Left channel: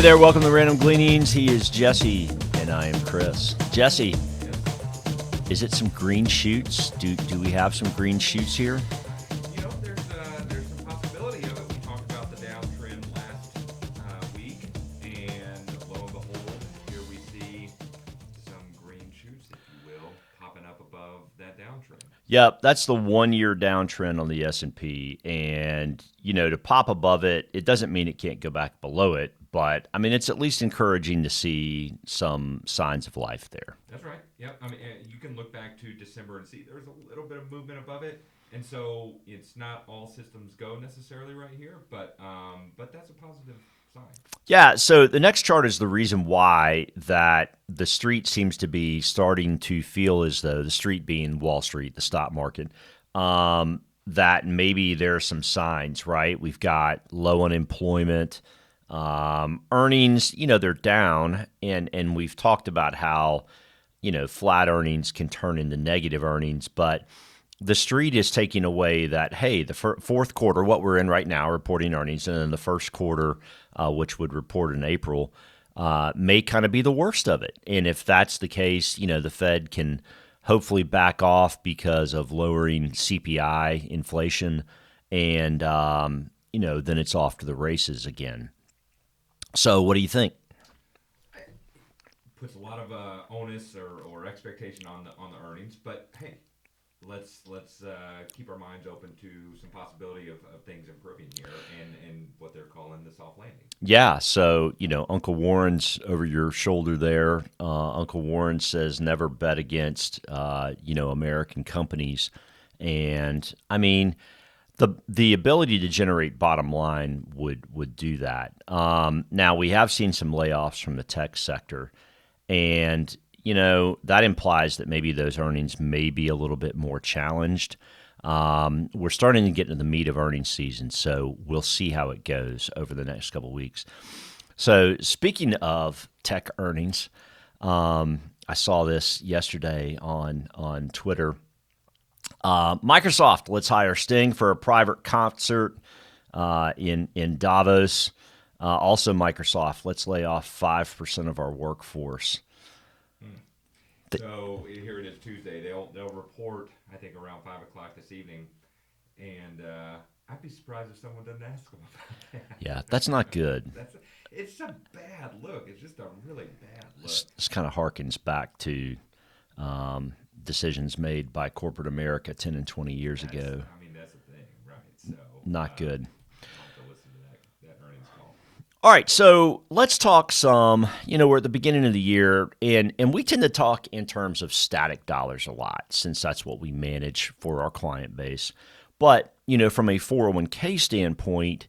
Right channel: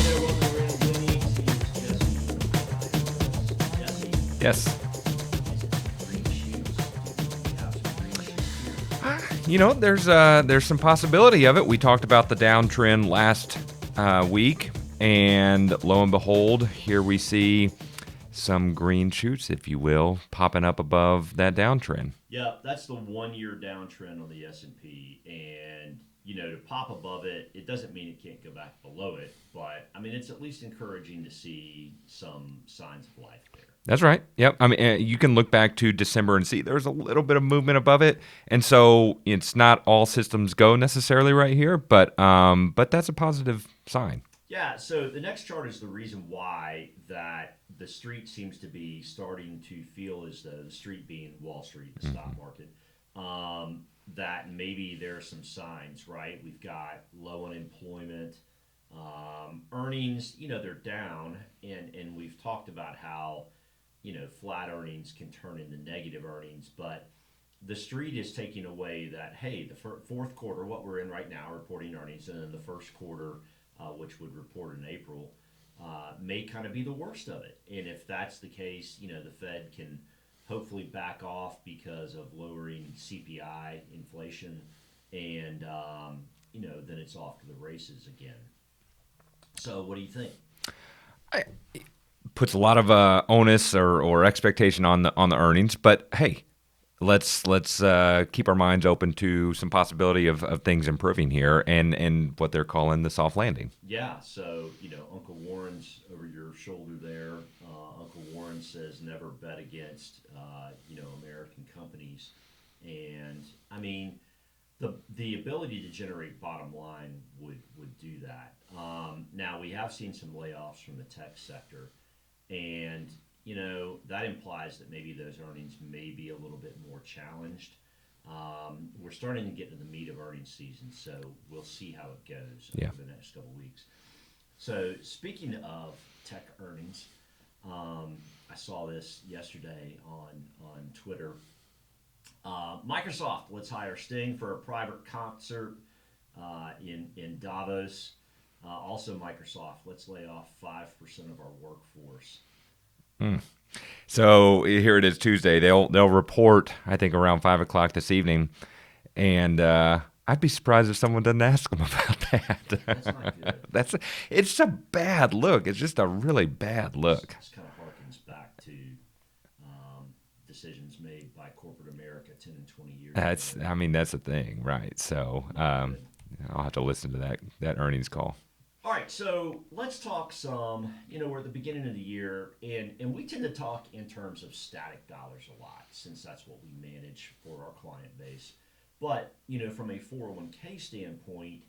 Hey there, welcome to Random Gleanings. He is Jesse, and I am Chris. Jesse. Yes. Is it some green shoots? Do we have some green shoots here? You know, there's some possibility of it. We talked about the downtrend last week, and lo and behold, here we see some green shoots, if you will, popping up above that downtrend. Yep, that's the 1 year downtrend on the S&P, and to pop above it, it doesn't mean it can't go back below it, but I mean it's at least encouraging to see some signs of life there. That's right. Yep. I mean, you can look back to December and see there's a little bit of movement above it, and so it's not all systems go necessarily right here, but that's a positive sign. Yeah, so the next chart is the reason why that the street seems to be starting to feel as though, the street being Wall Street, the stock market, that maybe there are some signs, right? We've got low unemployment, earnings, they're down, and we've talked about how, flat earnings can turn into negative earnings, but the street is taking away that, hey, the fourth quarter, what we're in right now, reporting earnings, and then the first quarter, which would report in April, may kind of be the worst of it. And if that's the case, the Fed can hopefully back off because of lowering CPI inflation, and then it's off to the races again. So what do you think? It puts a lot of onus or expectation on the earnings, but hey, let's keep our minds open to some possibility of things improving here and what they're calling the soft landing. Yeah, so Uncle Warren's over your shoulder there. Uncle Warren says never bet against American companies, and I mean the ability to generate bottom line would do that. Now we have seen some layoffs from the tech sector, and that implies that maybe those earnings may be a little bit more challenged. We're starting to get into the meat of earnings season, so we'll see how it goes over the next couple of weeks. So speaking of tech earnings, I saw this yesterday on Twitter. Microsoft, let's hire Sting for a private concert in Davos. Also Microsoft, let's lay off 5% of our workforce. So here it is Tuesday. They'll report, I think, around 5 o'clock this evening, and I'd be surprised if someone doesn't ask them about that. Yeah, that's not good. It's a bad look. It's just a really bad look. This kind of harkens back to decisions made by corporate America 10 and 20 years ago. I mean, that's the thing, right? So not good. I'll have to listen to that earnings call. All right, so let's talk some, we're at the beginning of the year, and we tend to talk in terms of static dollars a lot, since that's what we manage for our client base. But, from a 401k standpoint,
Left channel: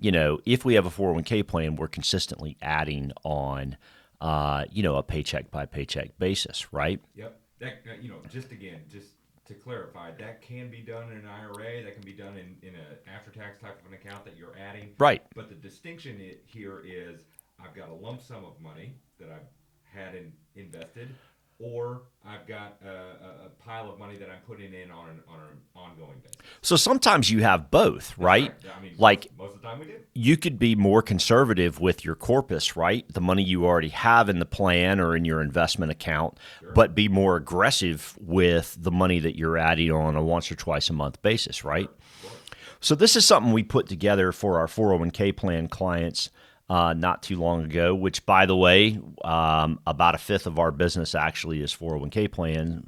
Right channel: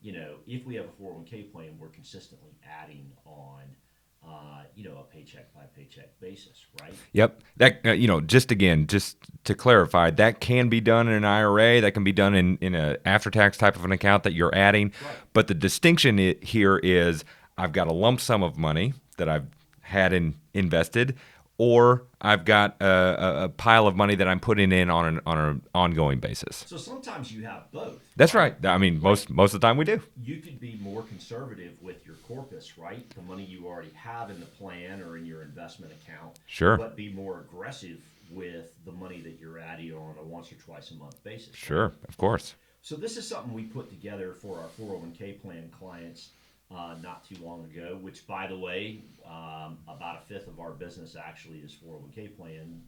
if we have a 401k plan, we're consistently adding on, a paycheck by paycheck basis, right? Yep. That, just to clarify, that can be done in an IRA. That can be done in an after-tax type of an account that you're adding. Right. But the distinction here is I've got a lump sum of money that I've had invested, or I've got a pile of money that I'm putting in on an ongoing basis. So sometimes you have both, That's right? I mean, like, most of the time we do. You could be more conservative with your corpus, right? The money you already have in the plan or in your investment account. Sure. But be more aggressive with the money that you're adding on a once or twice a month basis, right? Sure, of course. So this is something we put together for our 401k plan clients not too long ago, which, by the way, about a fifth of our business actually is 401k plan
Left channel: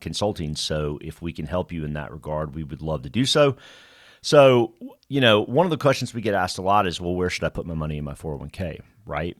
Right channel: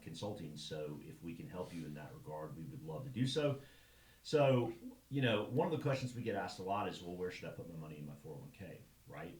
consulting. So if we can help you in that regard, we would love to do so. So, one of the questions we get asked a lot is, well, where should I put my money in my 401k, right?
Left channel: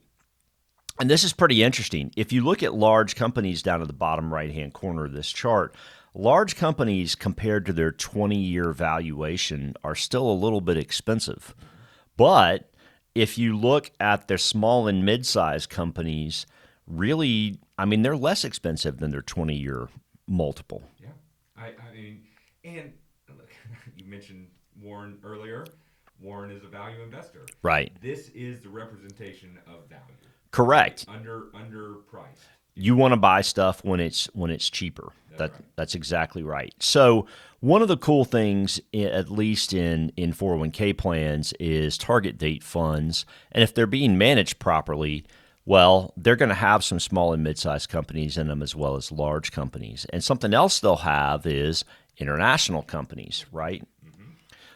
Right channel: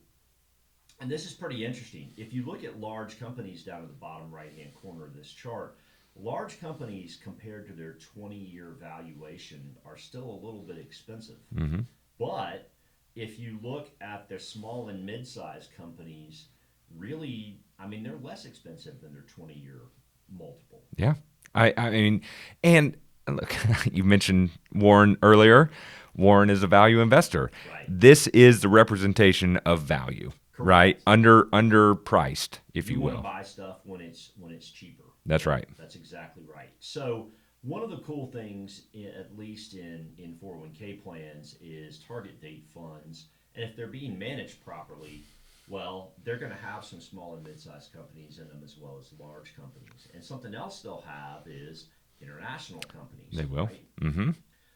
And this is pretty interesting. If you look at large companies down at the bottom right-hand corner of this chart, large companies compared to their 20-year valuation are still a little bit expensive. Mm-hmm. But if you look at their small and mid-sized companies, really, I mean, they're less expensive than their 20-year multiple. Yeah. I mean, and look, you mentioned Warren earlier. Warren is a value investor. Right. This is the representation of value. Correct. Right? Underpriced. You want to buy stuff when it's cheaper. That's right. That's exactly right. So One of the cool things, at least in 401k plans, is target date funds. And if they're being managed properly, well, they're going to have some small and mid-sized companies in them as well as large companies. And something else they'll have is international companies, right? Mm-hmm.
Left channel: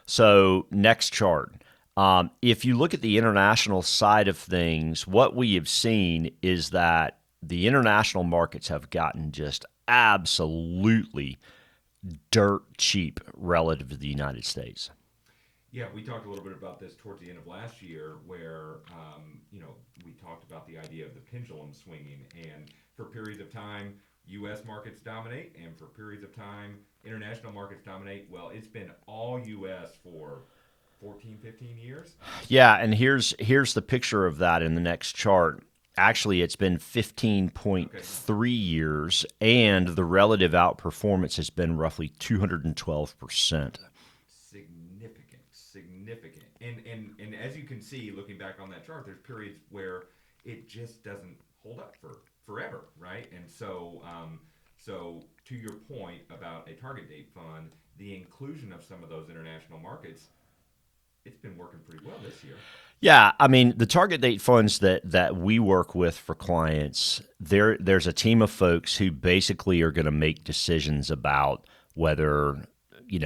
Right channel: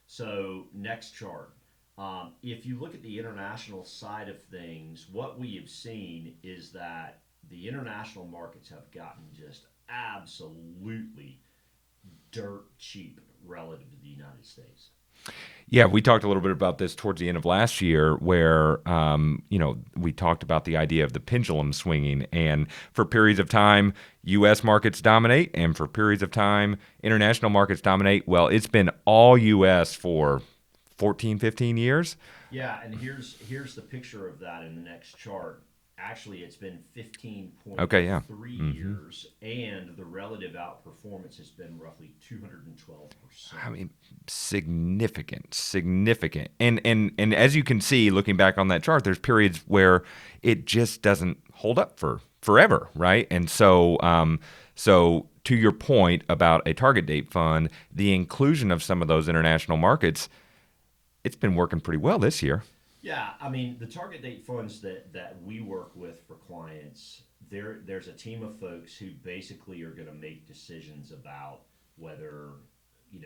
So next chart. If you look at the international side of things, what we have seen is that the international markets have gotten just absolutely dirt cheap relative to the United States. Yeah, we talked a little bit about this towards the end of last year where, we talked about the idea of the pendulum swinging. And for periods of time, U.S. markets dominate. And for periods of time, international markets dominate. Well, it's been all U.S. for 14, 15 years. Yeah, and here's the picture of that in the next chart. Actually, it's been 15.3 years, and the relative outperformance has been roughly 212%. Significant. And as you can see, looking back on that chart, there's periods where it just doesn't hold up for forever, right? And so to your point about a target date fund, the inclusion of some of those international markets, it's been working pretty well this year. Yeah, I mean, the target date funds that we work with for clients, there's a team of folks who basically are going to make decisions about whether,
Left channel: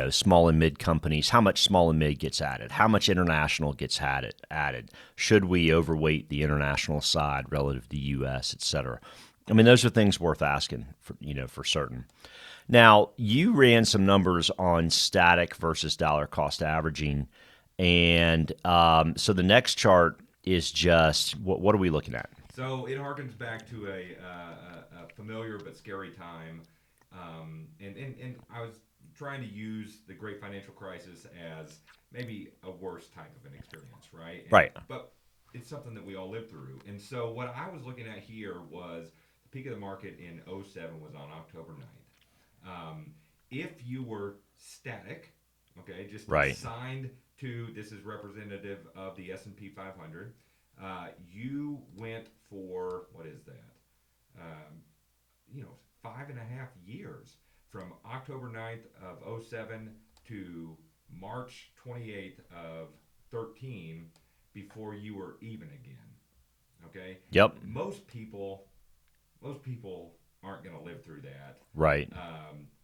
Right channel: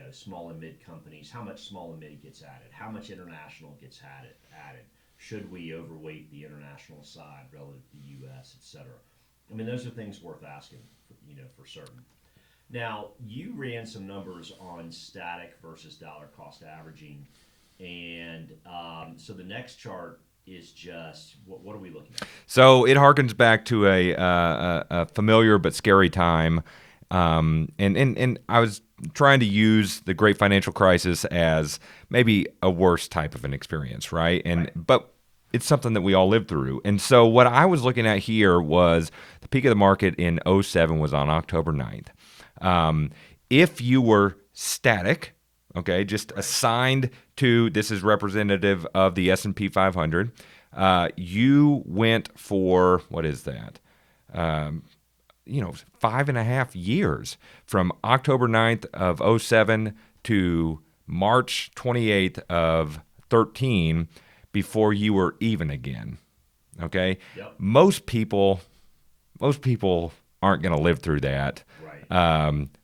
small and mid companies, how much small and mid gets added, how much international gets added. Should we overweight the international side relative to the U.S., et cetera? I mean, those are things worth asking for certain. Now, you ran some numbers on static versus dollar cost averaging. And so the next chart is just what are we looking at? So it harkens back to a familiar but scary time, and I was trying to use the Great Financial Crisis as maybe a worse type of an experience, right? Right. But it's something that we all lived through. And so what I was looking at here was the peak of the market in '07 was on October 9th. If you were static, okay, just assigned to, this is representative of the S&P 500. You went for, what is that? 5.5 years from October 9th of '07 to March 28th of 13 before you were even again. Okay? Yep. Most people aren't going to live through that. Right.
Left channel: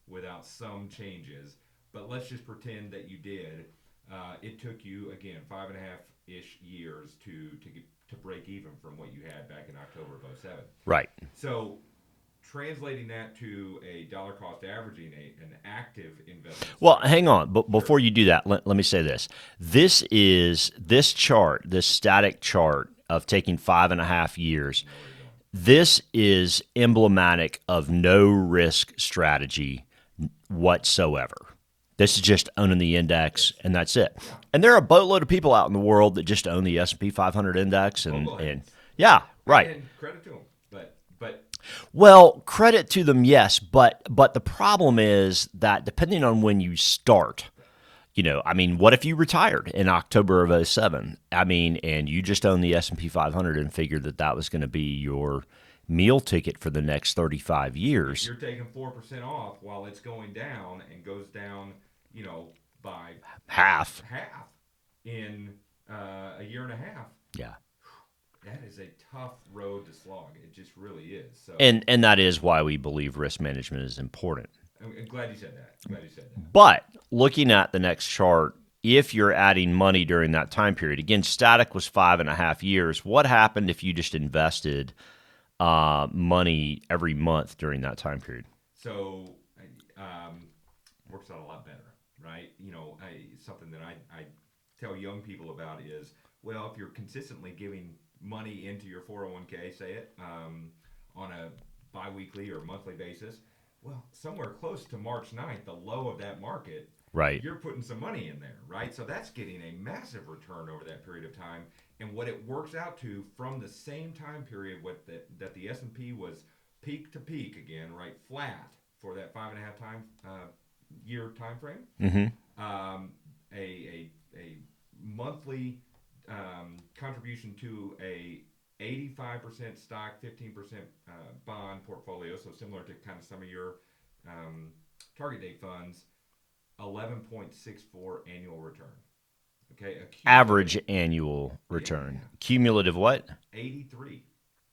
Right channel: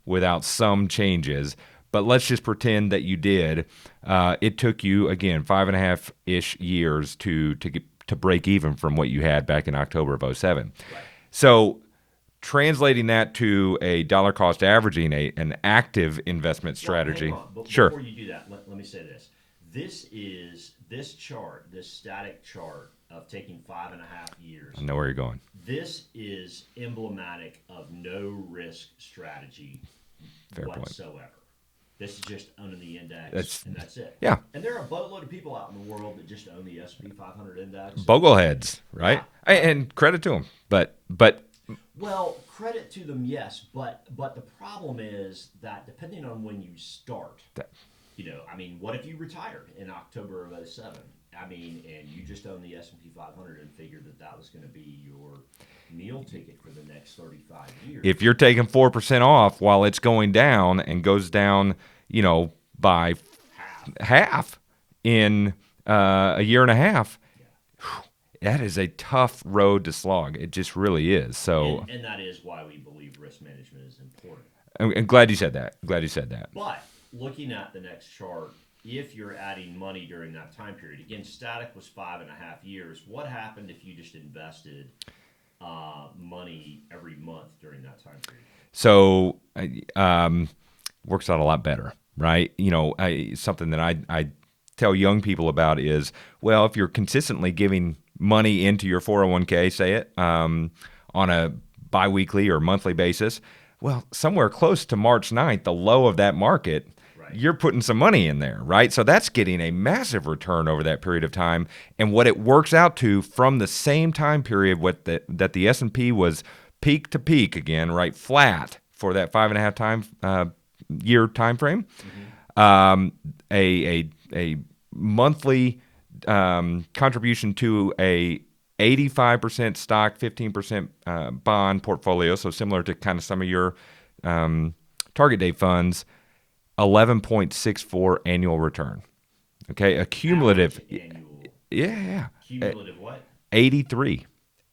Without some changes. But let's just pretend that you did. It took you, again, 5.5-ish years to break even from what you had back in October of '07. Right. So translating that to a dollar cost averaging, an active investment strategy. Well, hang on. But Sure. before you do that, let me say this. This static chart of taking 5.5 years. I know where you're going. This is emblematic of no risk strategy whatsoever. This is just owning the index, and that's it. Yeah. And there are a boatload of people out in the world that just own the S&P 500 index. Bogleheads. Right? Yeah. Right. And credit to them. But well, credit to them, yes. But the problem is that depending on when you start, what if you retired in October of '07? And you just owned the S&P 500 and figured that was going to be your meal ticket for the next 35 years. if you're taking 4% off while it's going down and goes down, by half in a year and a half, yeah. that is a tough road to slog. It just really is. So, And that is why we believe risk management is important. I'm glad you said that. But looking at the next chart, if you're adding money during that time period, again, static was 5.5 years. What happened if you just invested money every month during that time period? So, works out a lot better, right? Something that I tell young people about is, well, if you're consistently giving money into your 401k, say it, on a biweekly or monthly basis, well, somewhere close to March 9th, the low of that market, Right. you're putting some money in there, right? So that's getting a massive return over that period of time. And what it works out to from the same time period that the S&P was peak to peak again, right, flat for that 5.5 year time frame, a monthly contribution to a 85% stock, 15% bond portfolio, so similar to kind of some of your target date funds, 11.64 annual return. Okay, a cumulative Average annual return. Yeah. Cumulative what? 83%.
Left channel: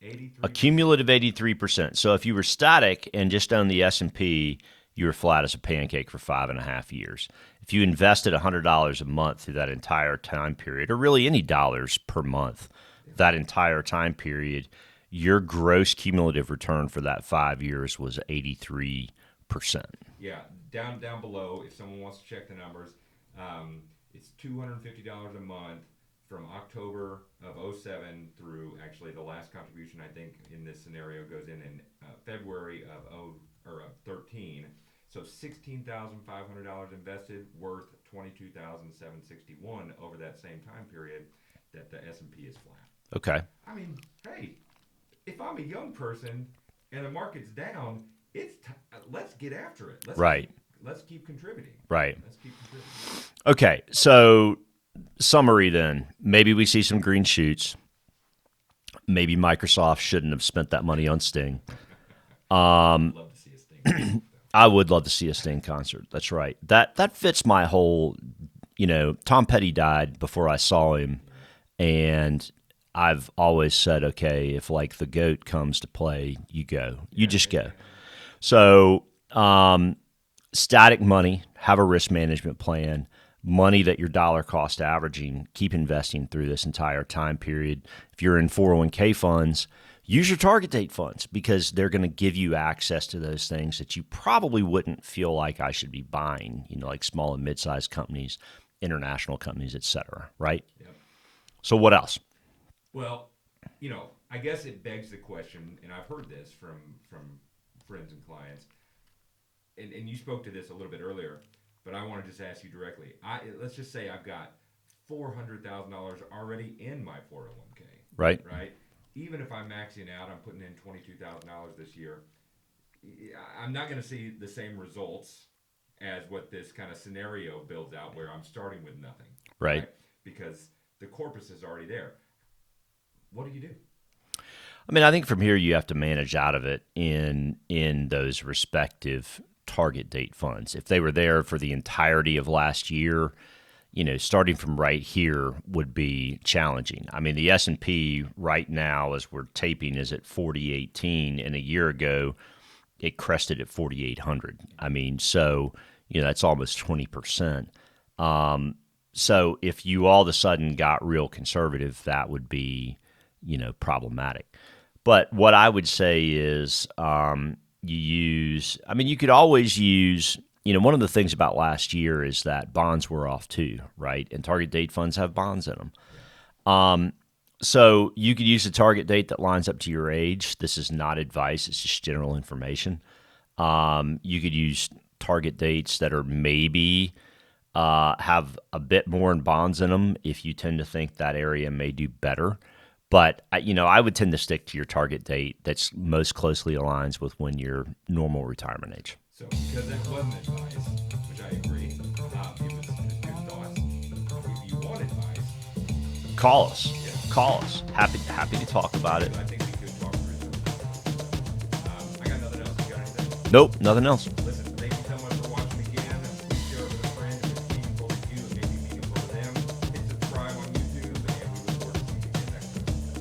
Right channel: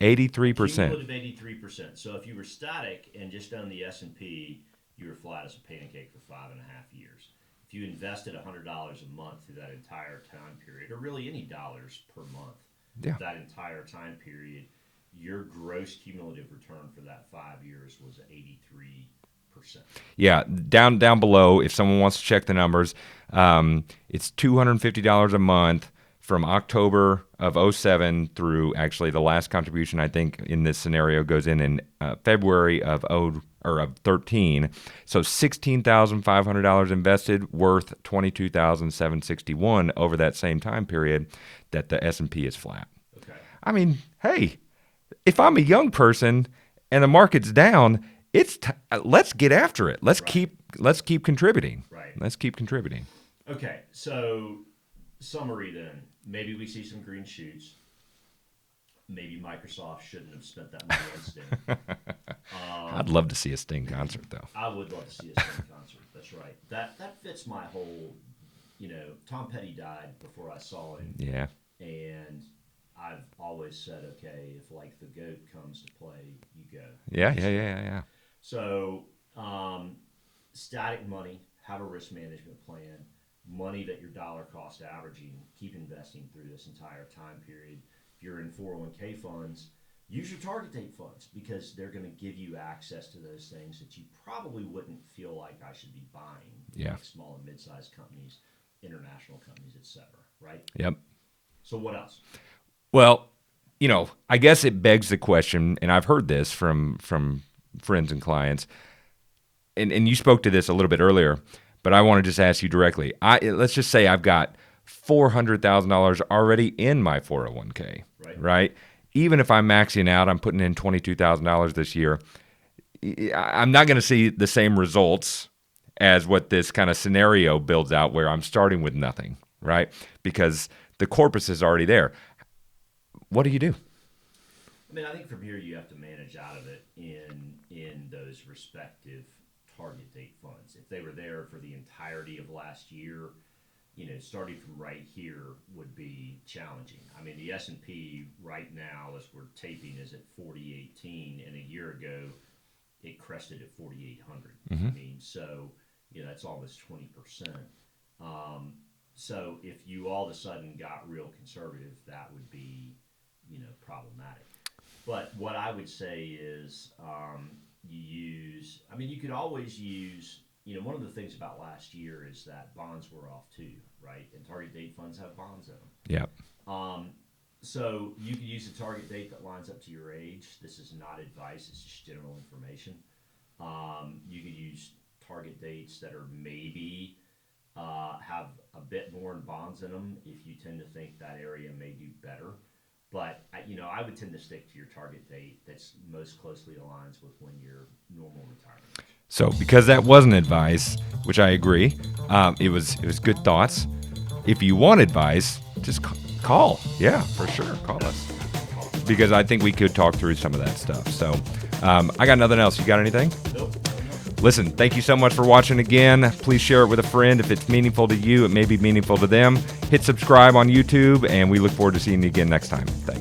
Cumulative 83%. So if you were static and just owned the S&P, you were flat as a pancake for 5.5 years. If you invested $100 a month through that entire time period, or really any dollars per month, that entire time period, your gross cumulative return for that 5 years was 83%. Yeah, down below, if someone wants to check the numbers, it's $250 a month from October of 07 through actually the last contribution, I think, in this scenario goes in February of 13. So $16,500 invested, worth $22,761 over that same time period that the S&P is flat. Okay. I mean, hey, if I'm a young person and the market's down, let's get after it. Let's keep contributing. Right. Let's keep contributing. Okay. So summary then. Maybe we see some green shoots. Maybe Microsoft shouldn't have spent that money on Sting. I'd love to see a Sting concert, though. I would love to see a Sting concert. That's right. That fits my whole, Tom Petty died before I saw him. Yeah. And I've always said, okay, if like the GOAT comes to play, you go. You just go. Yeah. So static money, have a risk management plan, money that you're dollar cost averaging, keep investing through this entire time period. If you're in 401k funds, use your target date funds because they're going to give you access to those things that you probably wouldn't feel like I should be buying, like small and mid-sized companies, international companies, et cetera, right? Yep. So what else? Well, I guess it begs the question, and I've heard this from friends and clients, and you spoke to this a little bit earlier, but I want to just ask you directly. Let's just say I've got $400,000 already in my 401k. Right? Even if I'm maxing out, I'm putting in $22,000 this year. I'm not going to see the same results as what this kind of scenario builds out where I'm starting with nothing, right? Because the corpus is already there. What do you do? I mean, I think from here you have to manage out of it in those respective target date funds. If they were there for the entirety of last year, starting from right here would be challenging. I mean, the S&P right now, as we're taping, is at 4018, and a year ago it crested at 4,800. I mean, so that's almost 20%. So if you all of a sudden got real conservative, that would be problematic. But what I would say is you could always use, one of the things about last year is that bonds were off too, right? And target date funds have bonds in them. Yeah. So you could use a target date that lines up to your age. This is not advice. It's just general information. You could use target dates that are maybe have a bit more in bonds in them if you tend to think that area may do better. But, I would tend to stick to your target date that's most closely aligns with when your normal retirement age. So because that wasn't advice, which I agree, it was good thoughts. If you want advice, just call. Yeah, call. Sure. Happy to talk about because it. I think we could talk through some of that stuff. So I got nothing else. You got anything? Nope, nothing else. Listen, thank you so much for watching again. Please share it with a friend. If it's meaningful to you, it may be meaningful to them. Hit subscribe on YouTube, and we look forward to seeing you again next time. Thanks.